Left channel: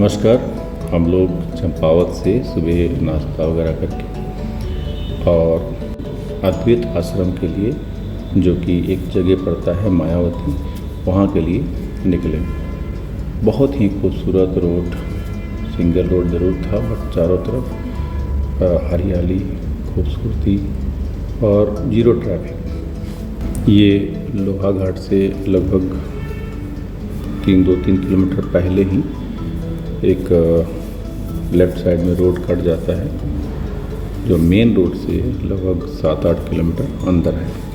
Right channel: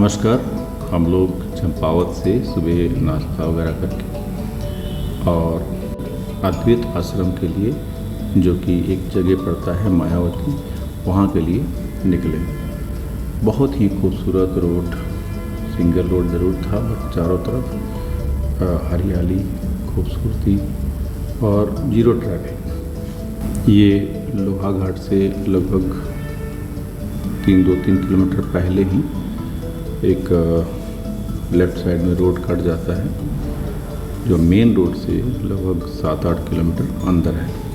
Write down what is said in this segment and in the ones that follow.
नमस्कार। हम लोग चंपावत से सुबह नाश्ता वगैरह करके और अद्वैत आश्रम के लिए, जो कि एक जगह पड़ता है मायावती, वहाँ के लिए निकले। बहुत ही खूबसूरत रोड, सिंगल रोड ज़रूर था, बट चारों तरफ हरियाली, खूबसूरती और ज़ीरो ट्रैफिक। ये लोहा घाट से लगभग 2-3 किलोमीटर पहले ही एक लेफ़्ट साइड में रोड कट जाता है, जो मेन रोड से लगभग 7-8 किलोमीटर अंदर है।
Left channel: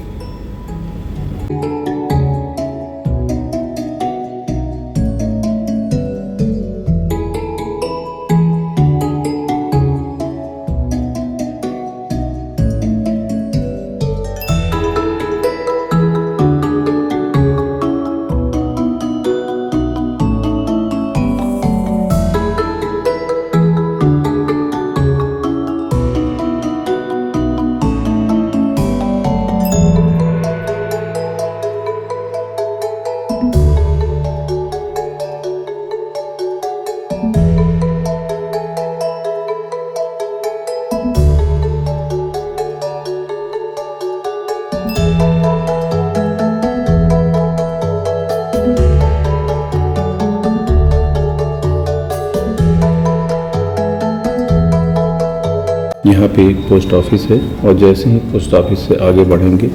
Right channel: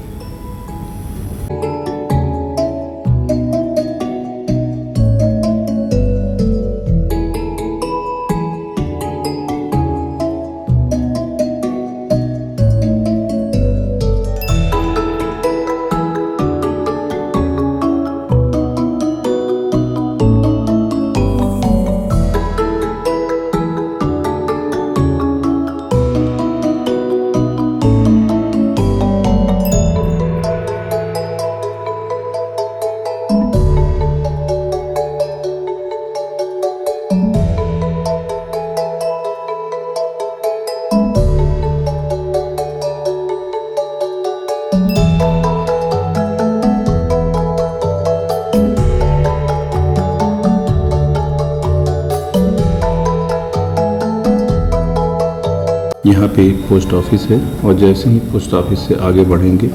यहाँ पे एक पोस्ट ऑफिस है और जैसे ही पोस्ट ऑफिस से आगे बढ़ेंगे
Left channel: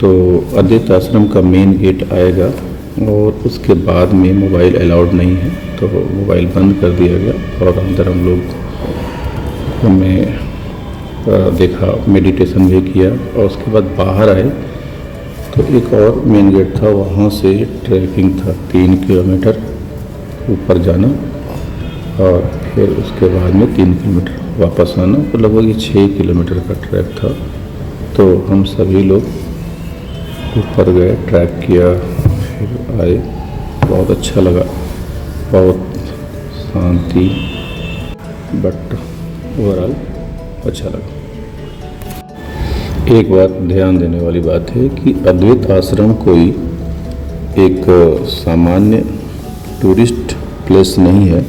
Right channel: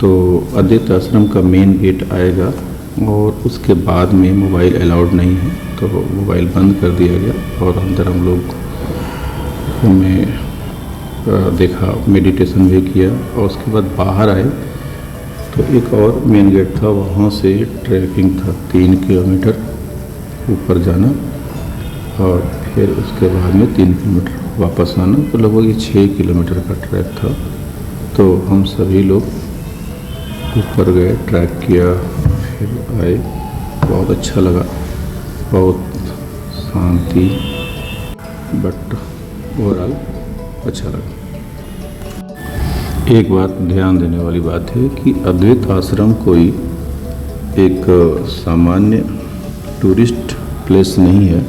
तो अद्वैत आश्रम का मेन गेट आएगा और उसके बाद में मोबाइल अलाउड नहीं है, तो मोबाइल बंद कर दिया गया। और अंदर हम लोग में देखा, मेडिटेशन भी किया और उसके बाद बाहर आए तो एक और मेन गेट था, वहाँ से ट्रैकिंग था 3 किलोमीटर ऊपर जाना और फिर उसके बाद में 3 किलोमीटर वापस आना, तो लगभग ये 6 किलोमीटर का ट्रैक था। तो हम सभी लोग ऊपर गए, ट्रैक किया, फिर आए। बहुत अच्छा लगा, बहुत शांति, बट ओवरऑल अच्छा लगा। एक बात ध्यान देने वाली बात है कि अद्वैत आश्रम कोई एक सामान्य टूरिस्ट प्लेस नहीं है।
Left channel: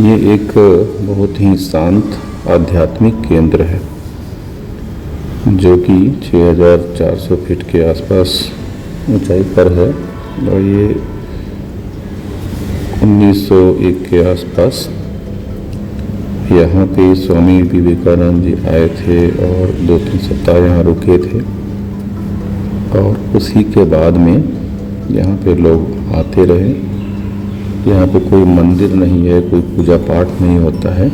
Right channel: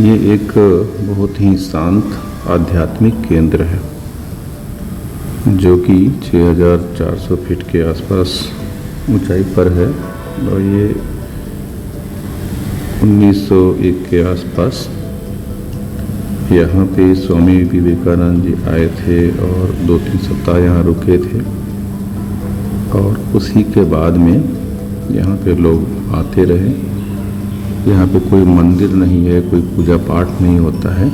ये एक बहुत ही शांत आध्यात्मिक केंद्र है, जो कि 6400 फीट के आसपास ऊंचाई पर है और ये 1901 के आसपास यहाँ पे स्वामी विवेकानंद जी आए थे और 2-3 सप्ताह यहाँ रुके थे। और उसी के बाद में यहाँ पे लोग आते रहे। यहाँ पे कोई मंदिर नहीं है, कोई पूजा पाठ नहीं होता है।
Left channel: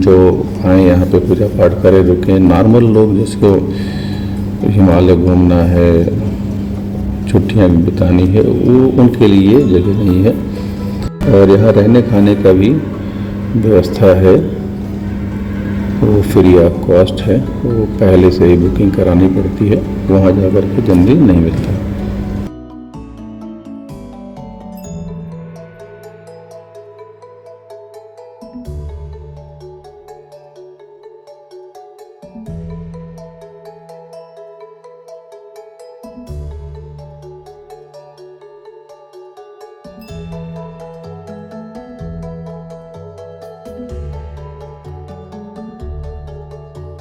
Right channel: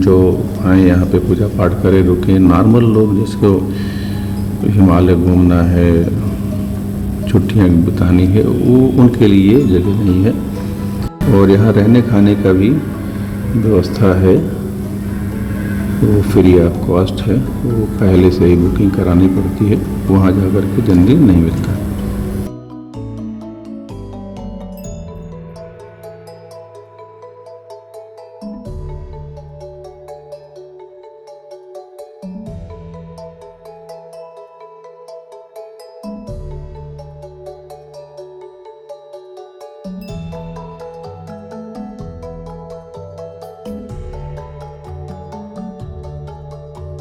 जो आए यहाँ पे पूजा पाठ करे, रुके। नॉर्मल लोग जिसको हिमालय घूमना है, छुट्टियाँ बितानी है, वो उनके लिए जगह नहीं है। और यहाँ रहने खाने का भी व्यवस्था है, वो फ्री ऑफ कॉस्ट है। वो पहले से ही बुकिंग करानी पड़ती है, वहाँ जा कर के जल्दी नहीं मिलता है।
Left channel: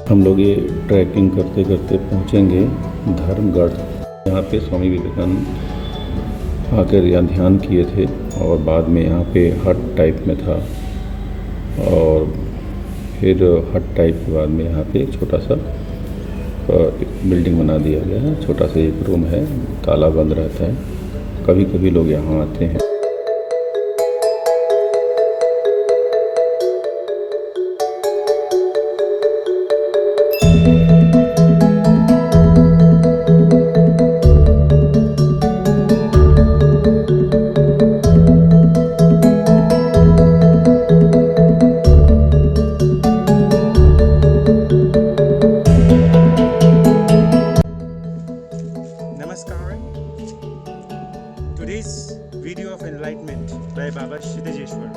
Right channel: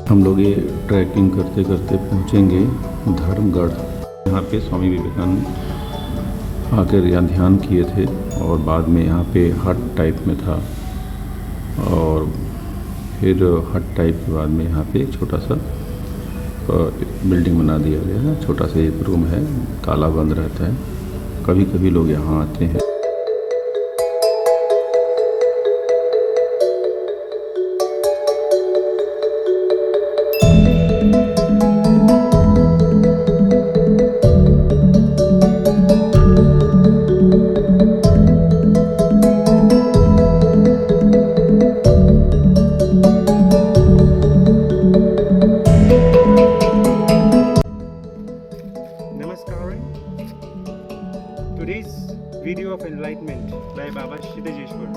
हम लोग ये ट्रैकिंग करते करते पहुँचेंगे धर्मगढ़। यहाँ पे स्वामी विवेकानंद आकर यहाँ ध्यान किए थे और बाद में यहाँ पे हट टाइप में था, और फिर हट टाइप के बाद में यहाँ पे छोटा सा बिल्डिंग बना दिया गया है। छोटा सा एक रूम है, ताला बंद रहता है। कभी कभी लोग यहाँ आते हैं। Today's video of enlightenment by Baba Kshitijeshwar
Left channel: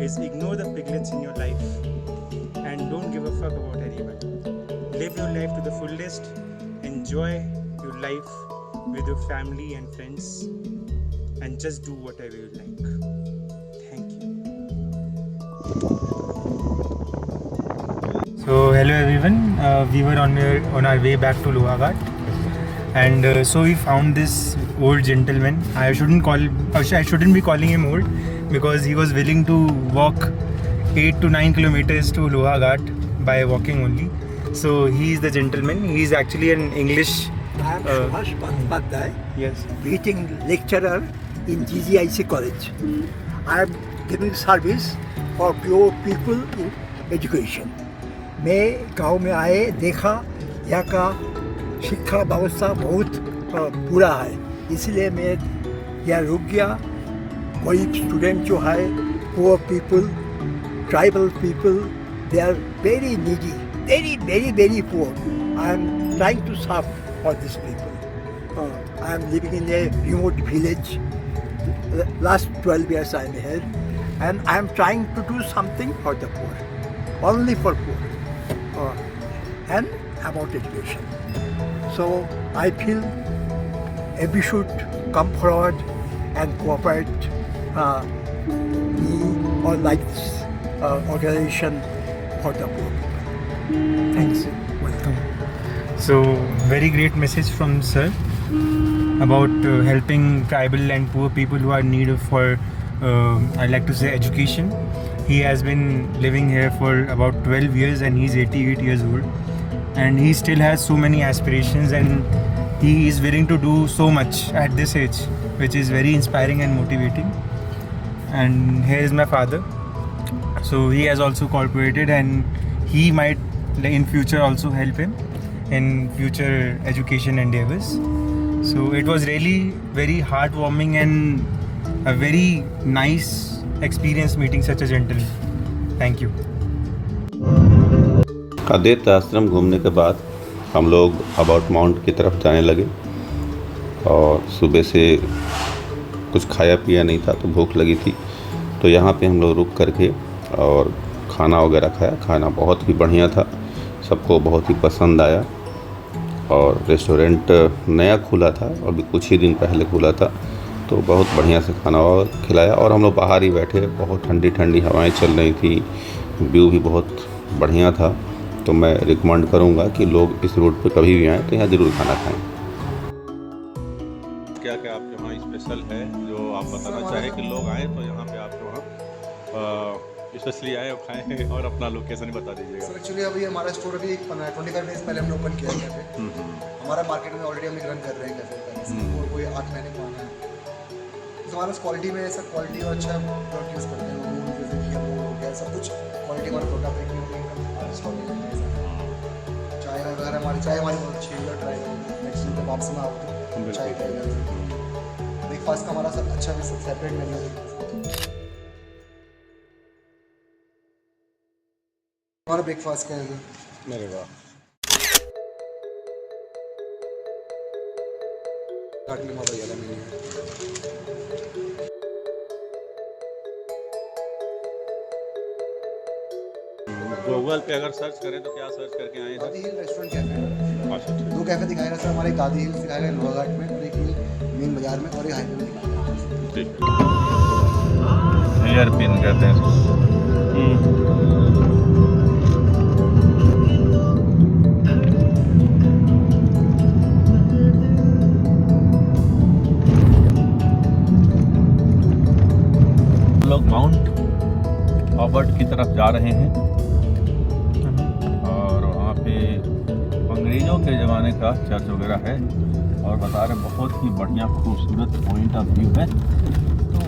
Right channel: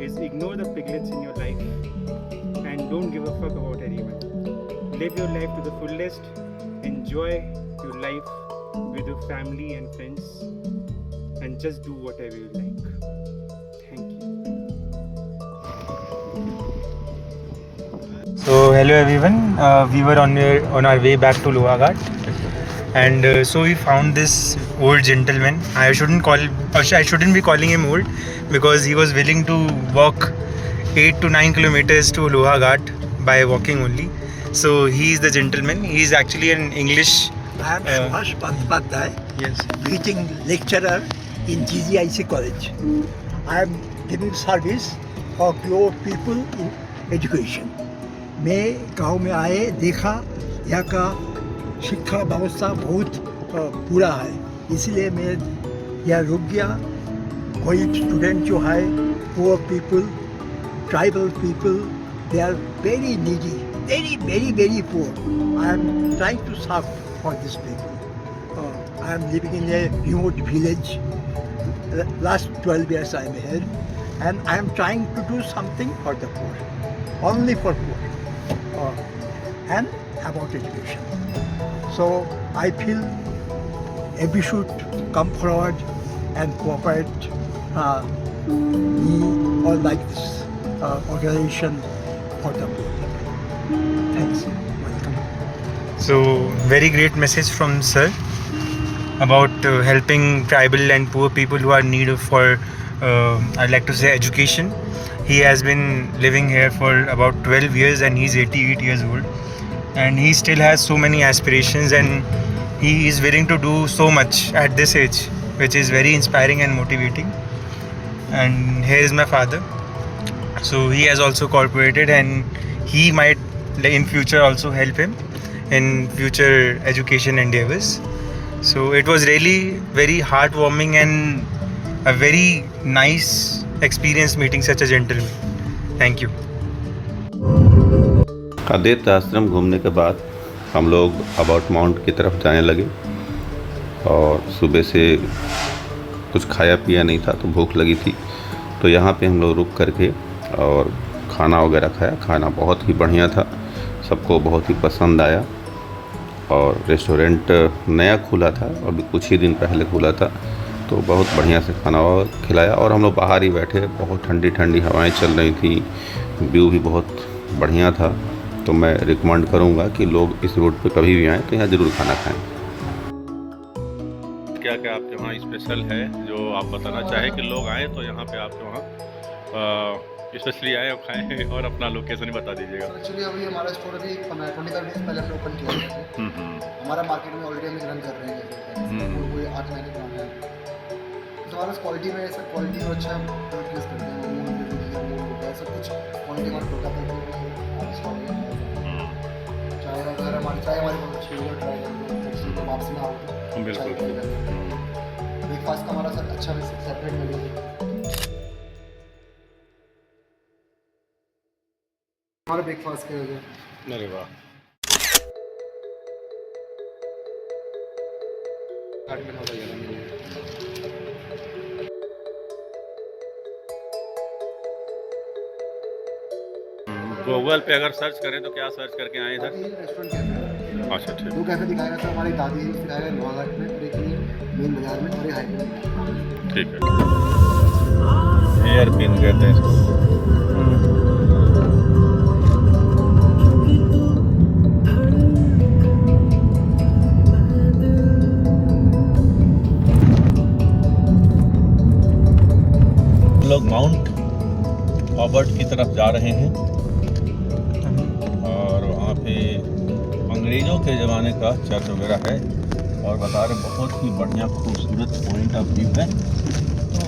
is ignore the piglets in your life and don't give a fuck about anyone. Live your life to the fullest, enjoy your life with your family and friends. and just do whatever you like. Thank you. So hello everyone, we were on our way back to Lohagarh, and so we found this old gentleman. I shouldn't be calling him old, because he was willing to walk 8 to 9 kilometers to Lohagarh by walking only. So he is the gentleman. He is actually an English. I am Subhash Bandyopadhyay, Yes. visiting lecturer in GGIC college. I am giving service for poor people in education. मैं गांव में आए देखा यहाँ का शिक्षा व्यवस्था बहुत बुरा है, इसलिए मैं यहाँ रुक गया. गरीब स्टूडेंट जो है, poor people, tribal people, they are very needy, very poor. I am trying to serve for these people. I am living in a remote village. Last 12 years I am here, and I am trying to do something for the poor, only for poor, and about education. So I feel we should come forward and cooperate me or like this organization for the poor people. Thanks. Welcome. So very great message from sir about helping tribal and poor people who are in need for I'd like to say education. He has been living here for about 12 years and he's 88 years old, and he still has so many aspirations, and he is willing to do so much at this age, which is very inspiring and motivating. And here is my father. So he has also cooperated, and he might in future also help him in future education endeavors. So it was really very heartwarming and a very nice experience meeting such a gentleman. Thank you. अद्वैत आश्रम घूमने के बाद हम लोग about mount की तरफ जाने लगे, और सुबह से कुछ खाया पिया नहीं था तो भूख लगी थी, तो यहाँ पे हम लोग रुक करके और खाना वगैरह खाया. खाना बहुत ही बढ़िया था, सबको बहुत ही पसंद आया, और रेस्टोरेंट नया खुला था, अभी कुछ ही दिन पहले खुला था, तो बहुत बढ़िया से खाना खिलाया. और हम लोग बाहर ही बैठे, बहुत ठंडी ठंडी हवाएं चल रही थी, व्यू भी बहुत बढ़िया था. तो मैं रिकमेंड करूंगा कि लोग इस रूट पे कभी भी आएँ तो यहाँ ज़रूर खाना खाएं. क्या क्या आपके वहाँ स्पेशल है जो आप बताना चाहें कि लोग आएँ तो यहाँ पे आपके वहाँ स्पेशली आए और खाएं, और अपना लोकेशन भी बता दीजिएगा. एक्चुअली अभी हमारा स्टोर अभी 25 डेज पहले हमने ओपन किया है. हमारा मार्केट में ऑलरेडी हम रन कर रहे हैं कैफे, और वो 8 महीने पुराना है. तो हमारा क्वालिटी में ऐसा क्वालिटी और अच्छा प्रोडक्ट यूज़ करते हैं. मून जैसे कि मून हो गया, सब कुछ क्वालिटी हमारे प्रोडक्ट है. चाय अगर हमारी बहुत अच्छी है, ट्राई करेंगे नेक्स्ट वीक वापस में आओगे चाय ट्राई करेंगे. ब्रेकफास्ट का हमारा सब अच्छा सेपरेट मेन्यू है. हमारा ब्रेकफास्ट का है. अरे वाह. गूगल पे अगर सर्च करें तो क्या सर्च करके आए सर? Restaurant cafe. अच्छा ठीक. 2 कैफे दिखाएगा सर. हमारे दादी हिल्स दिखाएगा लोहाघाट में, और एक मेन बाजार में, और एक हाईवे में दिखाएगा. ठीक है. हेयर पिन कहते हैं इसको. लोग माउंट ऑबर्ट की तरफ जा रहे हैं, और वहाँ पे अंग्रेज़ों के ज़माने का चर्च वगैरह है, और बता रहे बहुत ही बढ़िया खूबसूरत पॉइंट ऑफ व्यू है. तो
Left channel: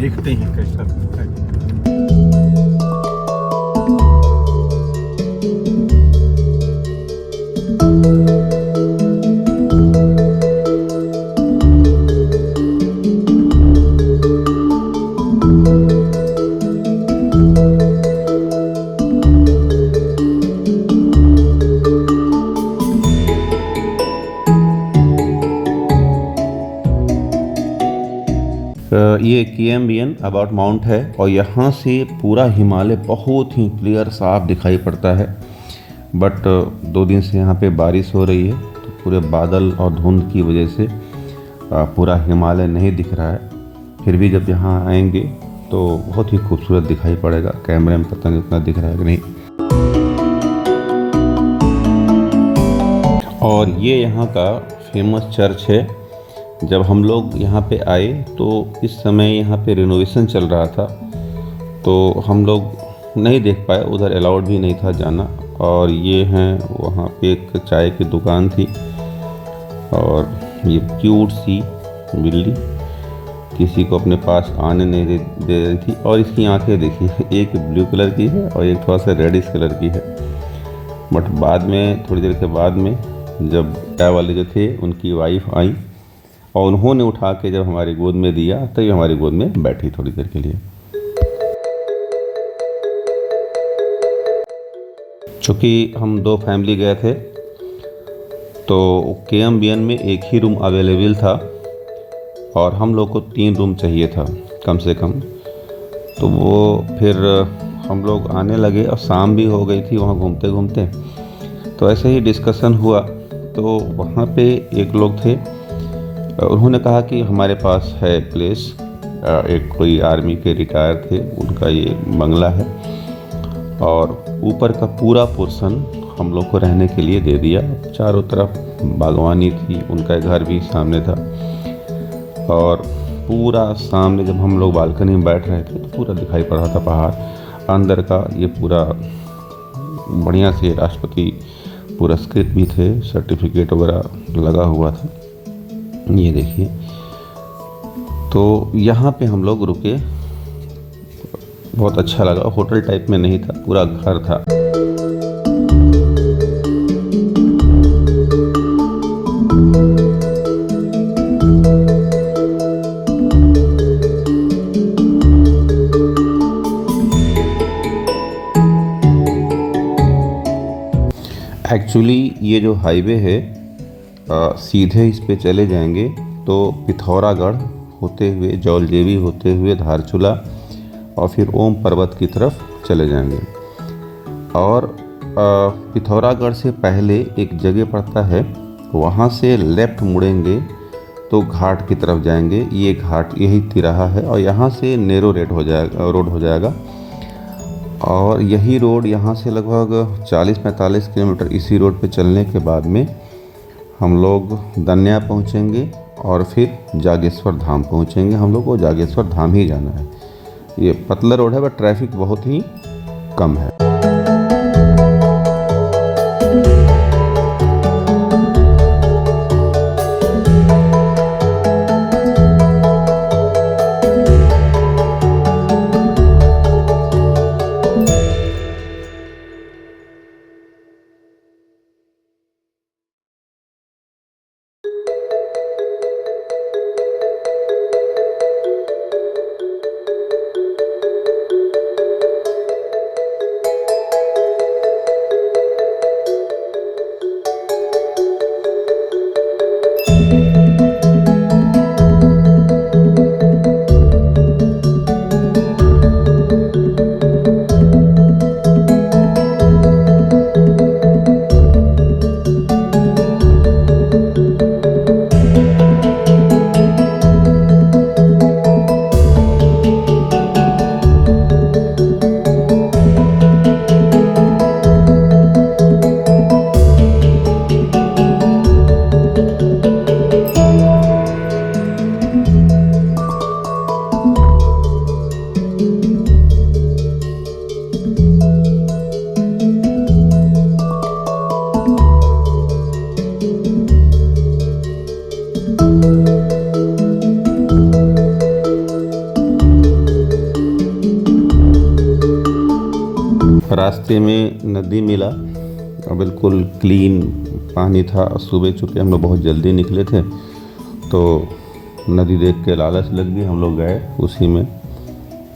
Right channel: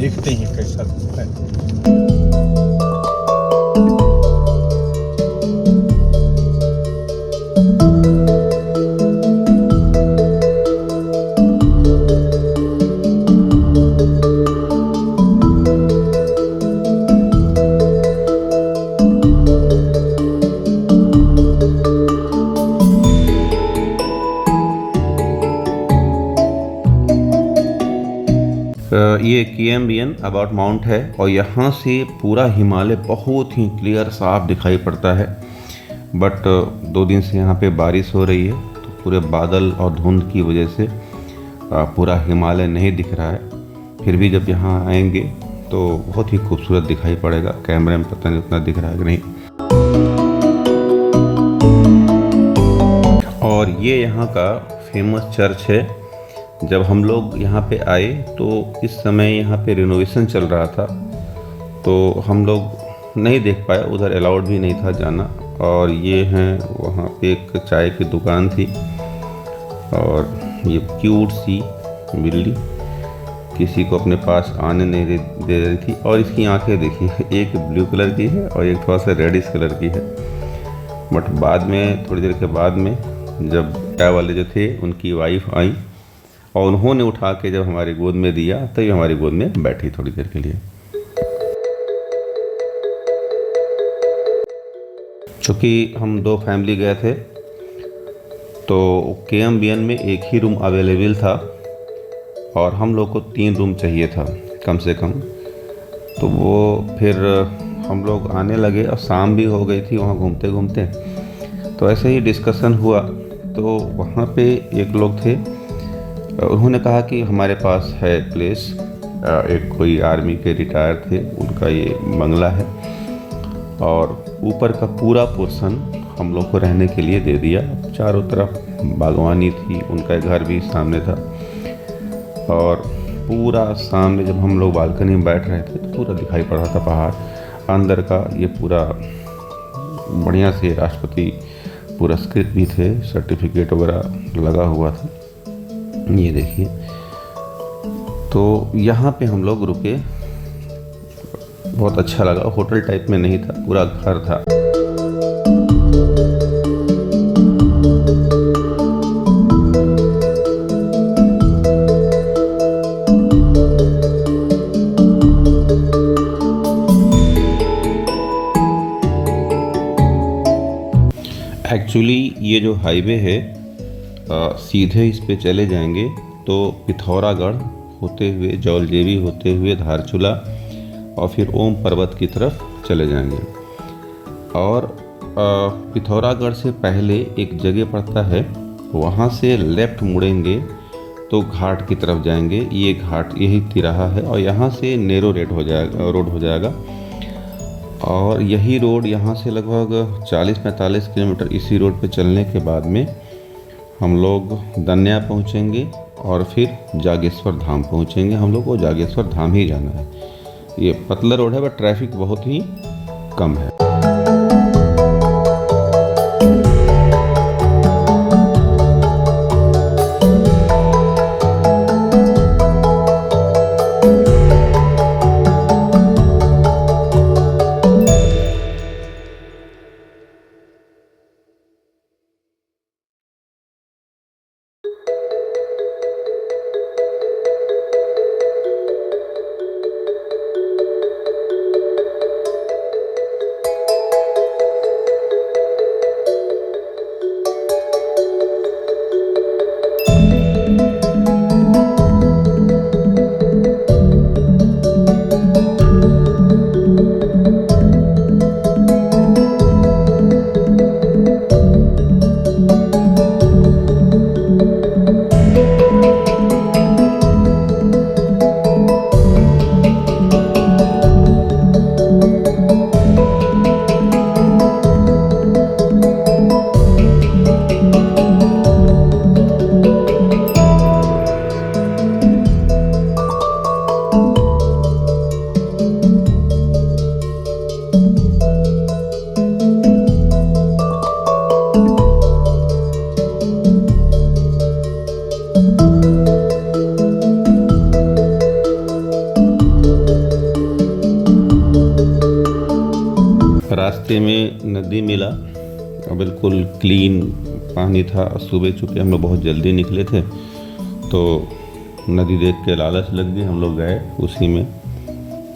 देखते हैं कैसा है. ये KMBN अबाउट माउंट है, और यहाँ से पूरा हिमालय बहुत ही क्लियर साफ दिखाई पड़ता है. बट 2 दिन से यहाँ पे बारिश हो रही है, तो पूरे बादल और धुंध की वजह से पूरा हिमालय नहीं दिख रहा है, फिर भी जब यहाँ आएंगे तो बहुत ही खूबसूरत दिखाई पड़ेगा। कैमरे में पता नहीं उतना दिख रहा है कि नहीं। और ये यहाँ का फेमस चर्च है। जब हम लोग यहाँ पे आए तो इस समय यहाँ पे रिनोवेशन चल रहा था, तो हम लोग नहीं देख पाए, उधर अलाउड भी नहीं था जाना। और ये हैं, वहाँ पे एक चाय की दुकान थी और ये क्यूट सी बिल्ली किसी को अपने पास आने नहीं दे रही थी। और इसकी आंखें देखिए, एक ब्लू कलर की है और एक थोड़ा सा रेडिश कलर की है। बट बाद में, थोड़ी देर के बाद में, जब चाय वाले जो थे उनकी वाइफ आई और उन्होंने उठा के जब हमारी गोद में दिया, तो ये हमारी गोद में बैठी थोड़ी देर के लिए। चूँकि हम 2 फैमिली गए थे तो KMBN में एक ही रूम अवेलेबल था और हम लोग को 3 रूम चाहिए था कम से कम। तो वो फिर हम लोग आने लगे और शाम भी हो गई थी वहाँ घूमते घूमते। तो ऐसे ही डिस्कशन हुआ, तो वहाँ पे एक लोग थे, उन्होंने कहा कि हमारे पास है प्लेस, एक कोई आर्मी के रिटायर थे, उनका ये बंगला है और ऊपर का पूरा पोर्शन हम लोग को रहने के लिए दे दिया। चारों तरफ बागवानी थी, उनका घर भी सामने था और पूरा सामने जब हम लोग बालकनी में बैठ रहे थे तो पूरा दिखाई पड़ रहा था पहाड़। अंदर का ये पूरा बढ़िया से राष्ट्रपति पुरस्कृत भी थे, सर्टिफिकेट वगैरह लगा हुआ था। ये देखिए, तो यहाँ पे हम लोग रुके, बहुत अच्छा लगा। होटल टाइप में नहीं था, पूरा घर था। एक्चुअली ये जो हाईवे है, सीधे इस पे चले जाएंगे तो पिथौरागढ़ होते हुए, जौलजेबी होते हुए धारचूला और फिर ओम पर्वत की तरफ चले जाएंगे। और पिथौरागढ़ से पहले एक जगह पड़ता है, वहाँ से लेफ़्ट मुड़ेंगे तो घाट की तरफ जाएंगे। ये घाट यही तिराहा है और यहाँ से नेरो रोड हो जाएगा। और यही रोड यहाँ से लगभग 40-45 किलोमीटर इसी रोड पे चलने के बाद में हम लोग दन्या पहुँचेंगे और फिर जागेश्वर धाम पहुँचेंगे। हम लोग को जागेश्वर धाम ही जाना है। ये पतला रोड है, बट ट्रैफिक बहुत ही कम है। रास्ते में नदी मिला और बिल्कुल क्लीन पानी था। सुबह चूँकि हम लोग बहुत जल्दी निकले थे तो नदी देख के लालच लग गई, हम लोग गए उसी में।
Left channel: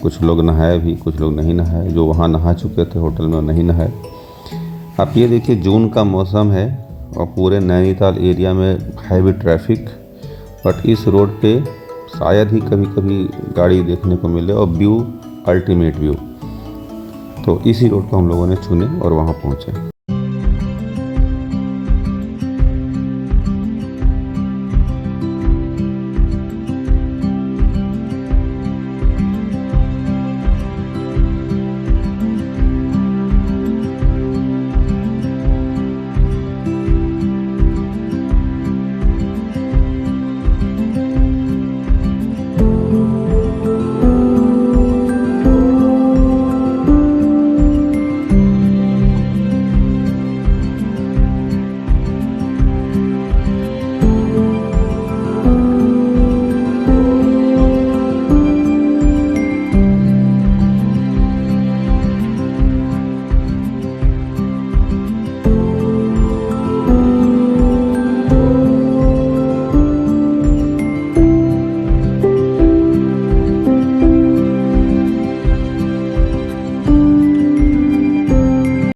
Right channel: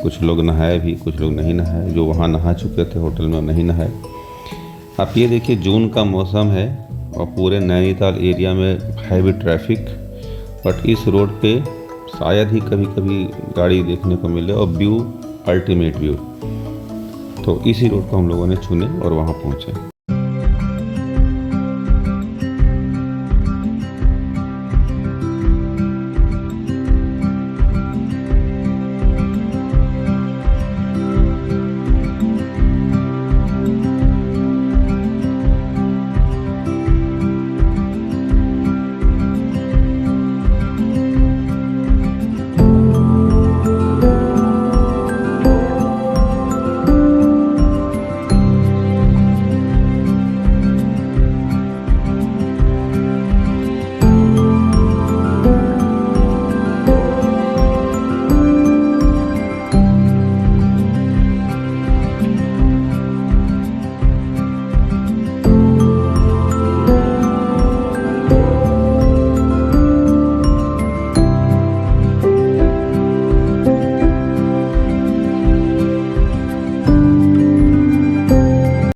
कुछ लोग नहाए भी, कुछ लोग नहीं नहाए। जो वहाँ नहा चुके थे होटल में नहीं नहाए। आप ये देखिए, जून का मौसम है और पूरे नैनीताल एरिया में हैवी ट्रैफिक, बट इस रोड पे शायद ही कभी कभी गाड़ी देखने को मिले और व्यू अल्टीमेट व्यू। तो इसी रोड को हम लोगों ने चुने और वहाँ पहुँचे।